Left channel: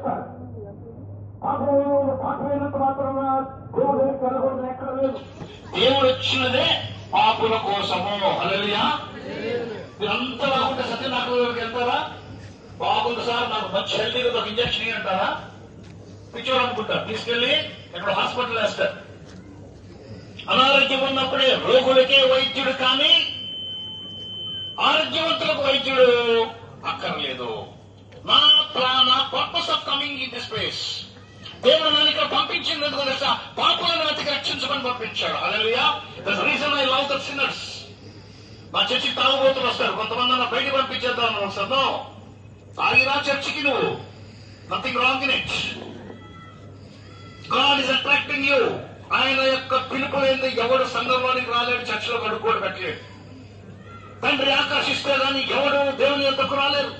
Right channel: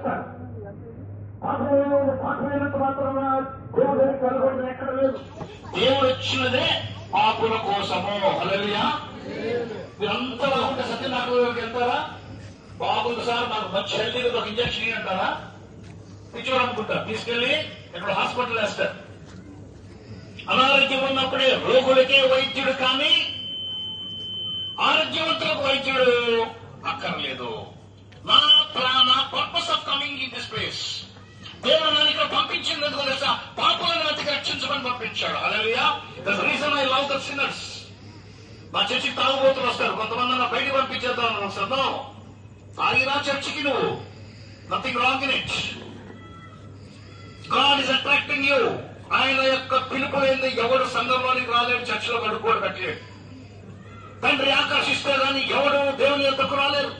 చేస్తారు. పాపమైనంత మాత్రమే దేవుడు దగ్గరికి వెళ్ళకూడదు ఎక్కడ లేదు. దేవుడు వచ్చినదే పాపుల కోసము. హల్లెలూయా. మీరంతా బాగుంటే సత్యనారాయణ దగ్గరికి వెళ్తారా? బాగుంది సార్, నాకు మంచి హెల్తీగా ఒక ఇంజక్షన్ అంటారా? పిచ్చోడు అనుకుంటారు, తీసుకెళ్లి ఇక్కడ హాస్పిటల్ వేస్తారు. అనారోగ్యం ఉన్నప్పుడే రోగులకే వైద్యుడు, కానీ ఆరోగ్యవంతులకు వైద్యుడు అక్కర్లేదు. నా purpose of coming in this place, దేవుడు నన్ను ఇక్కడ పంపించింది ఎందుకు తెలుసా? పాపులను వెతికి రక్షించమని పంపించాడు. Hallelujah. That's reason I love the sinners. మా చర్చికి తాగుబోతులు వస్తారు, కొంతమంది నా బయటికి పంపించేద్దాం వస్తాను. తాగిరా చర్చికి నువ్వు, nothing wrong in it. God is attracting you. ఆయన యొక్క పిలుపు లేని ఎవడు సంఘంలోనికి రాలేడు, చర్చిలో కడుక్కోడు పెట్టలేడు. తండ్రి ఆకర్షిస్తే కానీ ఎవడు దేవుని యొక్కకు రాలేరు.